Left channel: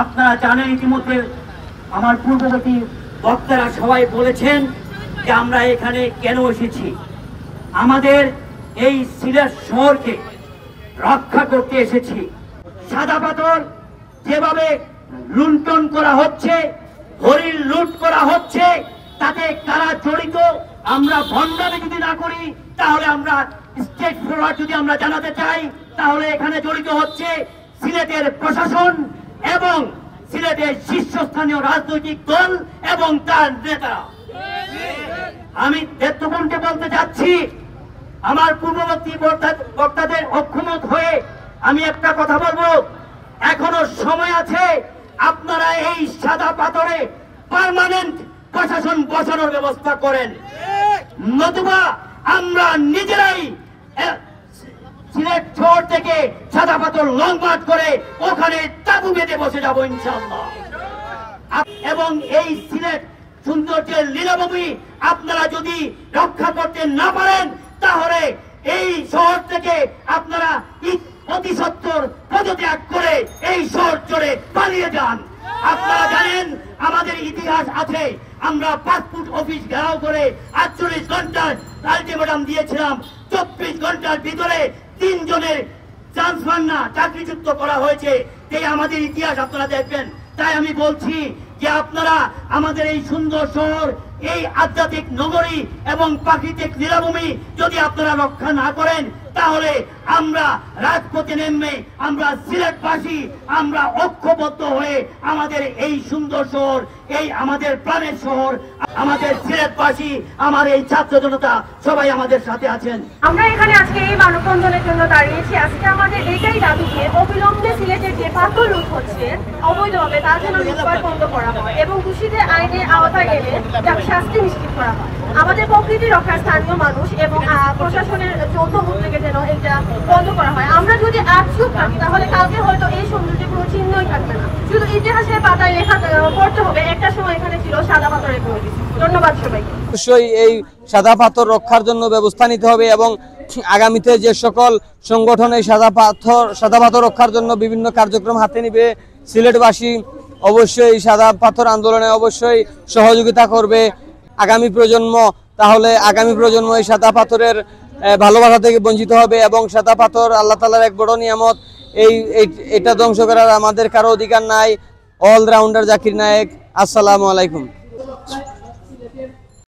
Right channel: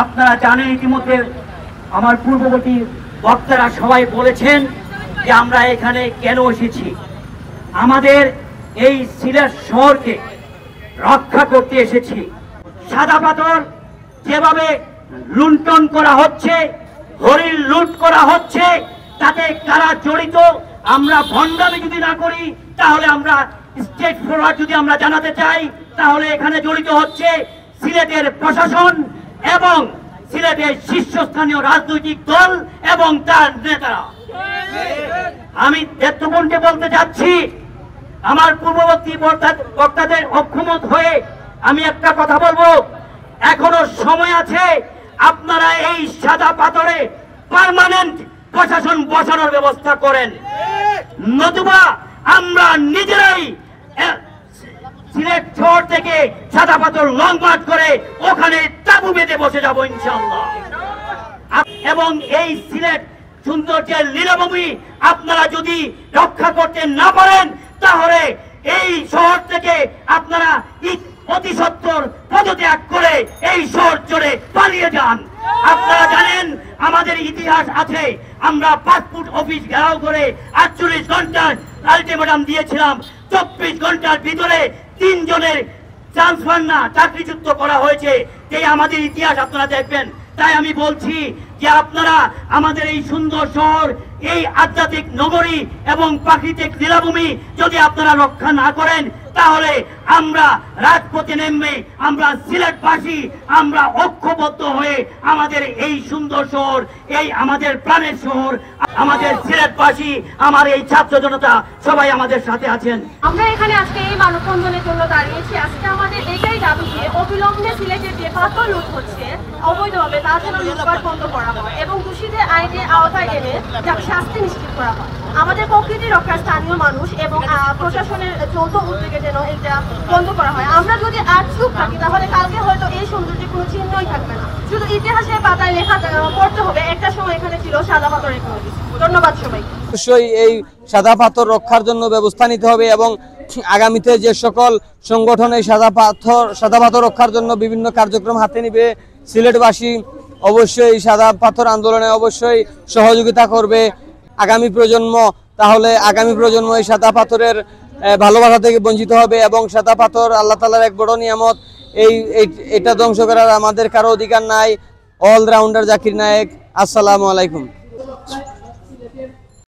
আপনারা জানেন ইতিমধ্যে আমার পূর্ববর্তী বক্তারা সবাই বলেছেন যে আমরা এখানে কেন এসেছি। আমাদের এই সিলেট শহরকে রক্ষা করতে এসেছি। সাদা পাথর যেভাবে লুণ্ঠন করা হচ্ছে, হরিণ লুট করা হচ্ছে, তাতে কারা জড়িত আমরা ভণ্ডামি যদি না করি তাহলে আমরা স্টেট ফরওয়ার্ড যদি আমরা জানাতে চাই তাহলে এখানে জড়িত হচ্ছে সিলেটের প্রশাসন এবং সিলেটের শীর্ষস্থানীয় রাজনৈতিক দল এবং তার নেতারা। আমি নেতৃবৃন্দকে বলতে যাচ্ছি, আমার পূর্ববর্তী বক্তাদের অক্ষমত হয়ে আমি একটা কথা বলবো, এখনো সময় আছে। আপনারা এই সাদা পাথরে পার্মানেন্ট প্রশাসন বসানোর ব্যবস্থা করেন, নতুবা আমরা নিজেরাই সিলেট শহর থেকে সাদা পাথর লং মার্চ করে ওখানে তাঁবু বেঁধে বসে যাবো ইনশাআল্লাহ। এবং এই সিলেট সৌন্দর্যের লীলাভূমি আপনারা যদি রক্ষা করতে না পারেন তাহলে এই শহর থেকে আপনারা অতি সত্বর পদত্যাগ করে এই শহর জুড়ে পালিয়ে যান। আপনারা জানেন আমাদের ইতিহাস আছে, আমরা পাসপোর্ট অফিস ঘেরাও করে 48 ঘন্টার আলটিমেটাম দিয়েছিলাম। 24 ঘন্টার ভিতরে 3 জনের ট্রান্সফার না চাকরিচ্যুত করা হয়েছে। এই আমাদের ইতিহাস আপনারা দেখবেন। তাই আমি বলছি যে আপনারা আমাদের এই সুন্দর শহর, এই আধ্যাত্মিক নগরী এবং প্রাকৃতিক লীলাভূমি যদি আপনারা রক্ষা না করেন তাহলে আমরা রাজপথে নেমে আমরা সিলেটবাসী আমরা ঐক্যবদ্ধ হয়ে আমাদের এই সুন্দর শহর, এই আমাদের প্রাণের শহর, আমাদের সিলেটবাসী, আমার এই ছাত্র জনতা সবাই আমাদের সাথে আছেন। আমরা এখানে আজকে এই মানববন্ধনের জন্য দাঁড়িয়েছি। আজকে আমাদের এটাই দাবি যে অবিলম্বে সিলেটের যে পাথর লুট হচ্ছে অবৈধভাবে তা যেন লুটপাট বন্ধ করা হয় এবং দোষীদের আইনের আওতায় এনে তাকে শাস্তি নিশ্চিত করা হয়। আমাদের প্রকৃতি রক্ষার স্থানীয় মানুষ এবং প্রশাসনের যৌথ উদ্যোগে যেন এটা বন্ধ করা হয়। আমরা যদি আজকেও পারি তাহলে কালকে হয়তো এই সৌন্দর্যের কোনো চিহ্নই থাকবে না, শুধু ইতিহাসের পাতায় লেখা পড়তে হবে একটা সময় এখানে ছিল সাদা পাথরের প্রয়োজন। ধন্যবাদ সবাইকে। অবশ্যই এই সাদা পাথর রক্ষার জন্য ব্যবস্থা নিতে হবে এবং আগামীতে যে সকল সংগঠন এই সাদা পাথর রক্ষার জন্য বিভিন্ন কার্যক্রম হাতে নিবে, সিলেটবাসী অবশ্যই সাদা পাথর আন্দোলনে অবশ্যই সহযোগিতা করবে আগামী প্রজন্ম। তাহলে আগামী প্রজন্ম এই সাদা পাথরের ভালোবাসা থেকে বঞ্চিত হবে এবং সাদা পাথর আল্লাহ তাআলার এক বড় নিয়ামত। এটা ধ্বংস করার আমাদের কারো অধিকার নাই। অলরাউন্ডার জাকির নায়েক, আসসালামু আলাইকুম।